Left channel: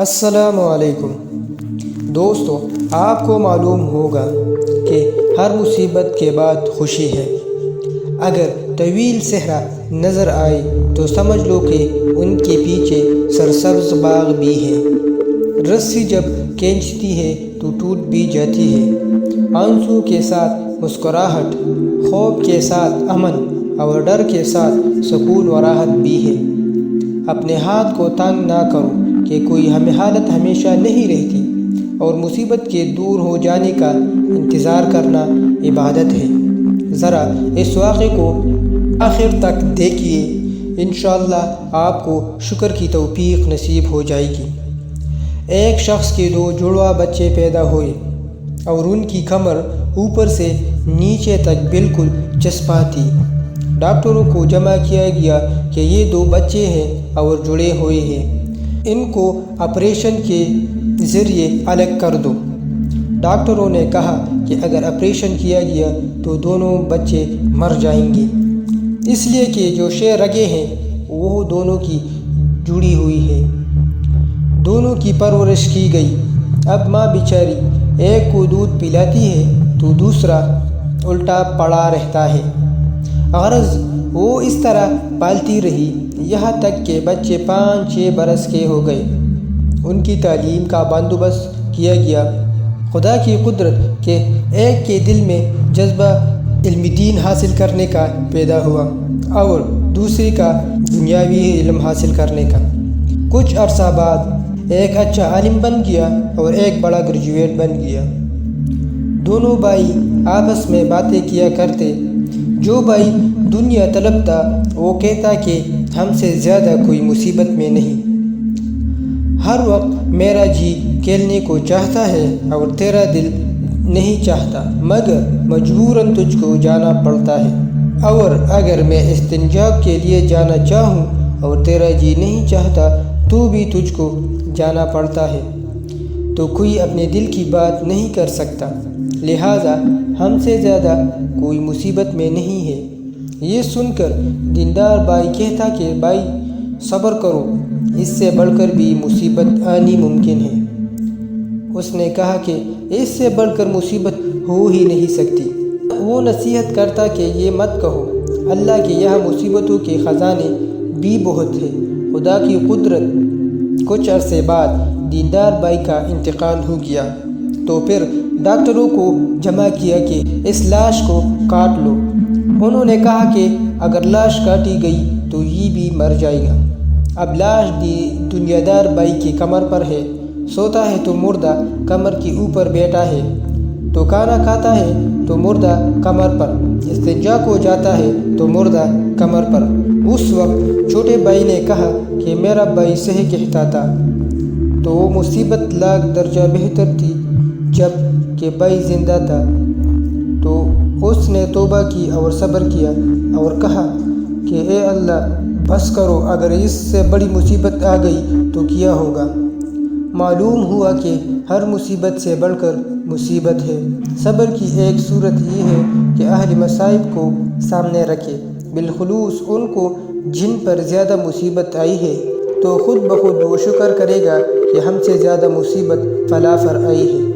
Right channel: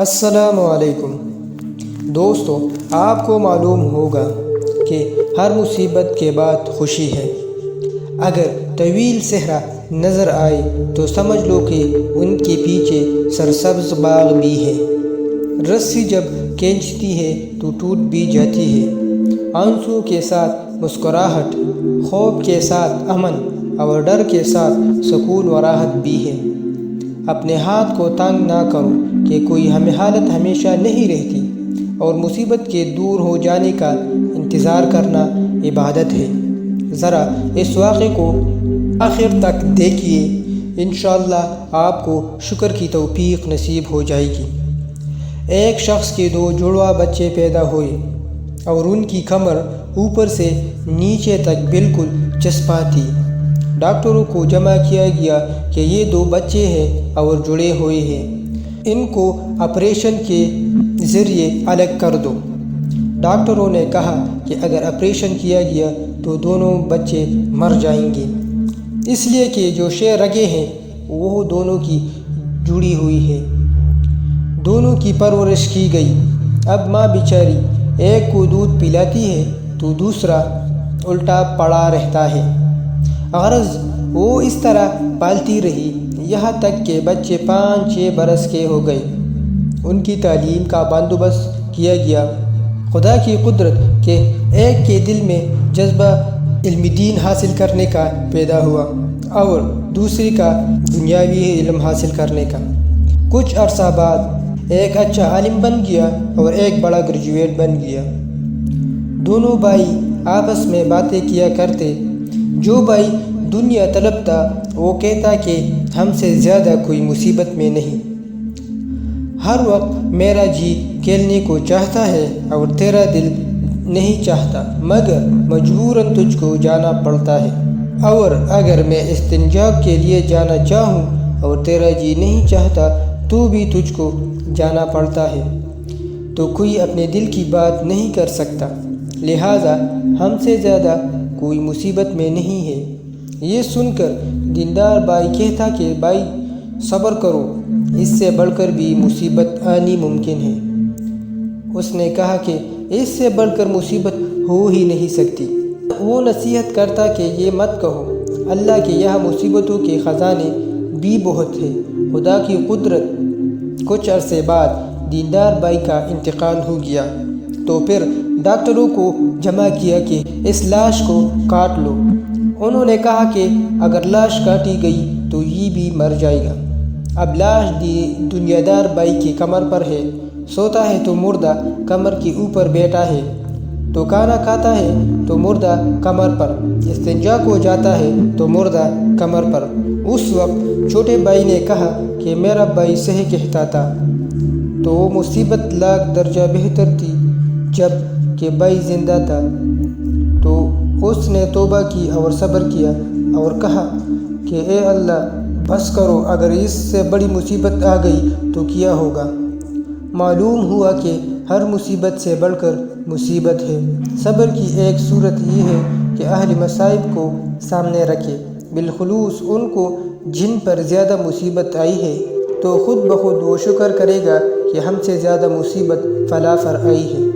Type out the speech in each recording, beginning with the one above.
السلام علیکم دوستو، آپ کو معلوم ہوگا کہ ہر مصیبت کے بعد خوشی ہے۔ اگر طویل صحرا نظر آئے تو سمجھ لو کہ ان کے پیچھے سرسبز باغ بھی ہے۔ رسی جب کھینچتی ہے تو ٹوٹ بھی جاتی ہے۔ آنسو کے ساتھ مسکراہٹ، خوف کے ساتھ امن اور ڈر کے ساتھ سکون و راحت بھی ہے۔ اپنے ہاتھ کو تنگ نہ کرو کہ کوئی حالت ہمیشہ نہیں رہتی، اور مصیبت کے دور ہو جانے کا انتظار کرنا عبادت ہے۔ ذرا اس واقعے کو آخر تک دیکھیے، انشاءاللہ آپ کو شکر کی توفیق نصیب ہو جائے گی۔ ایک شخص کے 2 جڑواں بچے پیدا ہوئے اور ان کی کمر اوپر سے نیچے تک بالکل چسپاں تھی۔ ڈاکٹروں کو جمع کیا گیا کہ یہ 2 بچے ہیں اور جڑے ہوئے ہیں، ان کو آپریشن کے ذریعے الگ کر دو۔ ڈاکٹروں نے کہا کہ اگر آپریشن کیا گیا تو دونوں بچے مر جائیں گے، اس لیے کہ جو رگیں ہیں وہ دونوں کی جڑی ہوئی ہے۔ دونوں کی پرورش کی گئی۔ اب ماں بیچاری ایک کو دودھ پلاتی ہے تو دوسرا الٹا پڑا رہتا ہے۔ غرض وہ اس طرح پالتی رہی یہاں تک کہ بچے 5-6 برس کے ہو گئے۔ ان کی تعلیم کا بندوبست کیا گیا۔ خدا کی قدرت کہ ایک کے دل میں جذبہ علم دین حاصل کرنے کا پیدا ہوا اور دوسری کا دنیاوی علم حاصل کرنے کا۔ کچھ عرصہ بعد ایک اچھا عالم بن گیا اور ایک بڑا گریجویٹ بن گیا۔ دونوں بھائی آپس میں باتیں کیا کرتے۔ جو بھائی دنیا طلب تھا وہ کہتا کہ ہم سے زیادہ کوئی مصیبت میں نہیں۔ ہر وقت میرا جی کھیلنے کو چاہتا ہے اور تیرا دل نہیں چاہتا، مگر مجبوراً تجھ کو جانا پڑتا ہے۔ اور اگر میں استنجا کے لیے جانا چاہوں اور تیرا جی نہیں چاہتا تو بھی تجھ کو جانا پڑتا ہے، تو کوئی اپنے دل کی بات نہیں کر سکتا، لہٰذا ہم سے زیادہ کوئی مصیبت میں نہیں ہے۔ یہ سن کر دیندار بھائی کہتا کہ بھائی صبر کرو، اس سے بڑھ کر بھی مصیبت آنی ممکن ہے۔ اس نے کہا کہ اس سے بڑھ کر مصیبت ہو ہی نہیں سکتی۔ وہ نصیحت کرتا کہ یہ مت کہو، اللہ کے یہاں مصیبتوں کے خزانے بھی بہت ہیں۔ خدا کی قدرت۔ کچھ عرصے بعد دیندار بھائی کا انتقال ہو گیا تو پھر ڈاکٹروں کو جمع کیا کہ اس لاش کو کاٹ لو۔ انہوں نے کہا کہ اگر لاش کاٹی گئی تو یہ بھی مر جائے گا۔ اب لاش دنیا دار بھائی کی کمر پر ہے، سوتا ہے تو مردہ کمر کے اوپر بیٹھا ہے، تو کھانا کھاتا ہے تو مردہ کمر پر، استنجا کو جاتا ہے تو مردہ کمر پر۔ اس وقت چھوٹے بھائی نے کہا کہ میرا بھائی صحیح کہتا تھا، تو وہ مصیبت لاکھ درجہ بہتر تھی جب کہ بھائی زندہ تھا۔ تو اس نے توبہ کی اور صبر کیا اور کہا کہ اے اللہ بس کرو، اگر اس سے بڑی مصیبت آ گئی تو کیا ہوگا۔ معلوم ہوا کہ ہر مصیبت سے بڑھ کر مصیبت ہے۔ صبر کی ایک صورت یہ ہے کہ اہل مصائب کو سامنے رکھے، بالخصوص ان کو جن پر زیادہ مصیبت آئی ہے، تو خود بخود وہ شکر کرے گا کہ ہم سے زیادہ مصیبت فلاں پر آئی ہے۔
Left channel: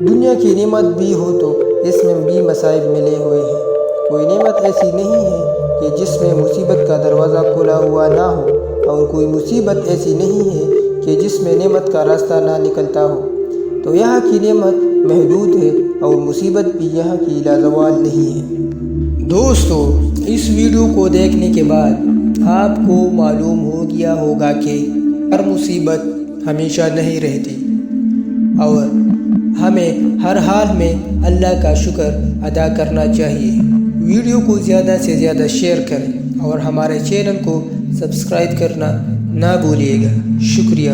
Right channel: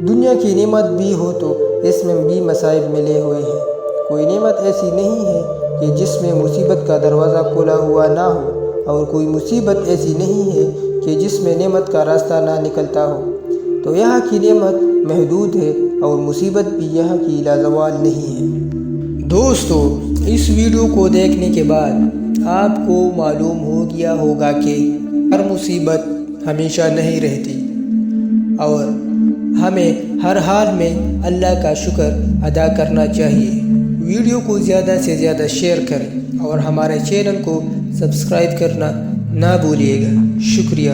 دنیا کی نعمت بھی ہو تو اس میں بھی مصائب ملے ہوئے ہیں۔ کوئی نعمت ایسی نہیں ہے کہ جس میں مصیبت کا دروازہ کھلا ہوا نہ ہو، اور کوئی مصیبت ایسی نہیں ہے کہ جس میں نعمت کا راستہ نہ نکلتا ہو۔ تو یہاں کی نعمت محدود ہے اور مصیبت بھی یہاں کی لازوال نہیں ہے۔ دوستو، اس ویڈیو کو دیکھنے کے بعد آپ کو معلوم ہو گیا ہوگا کہ ہر مصیبت ہمیشہ نہیں رہتی، اور ہمیں ہر حال میں اللہ کا شکر ادا کرنا چاہیے۔ ویڈیو کو زیادہ سے زیادہ شیئر کریں اور ہمارے چینل کو سبسکرائب کرنا نہ بھولیے گا۔ شکریہ۔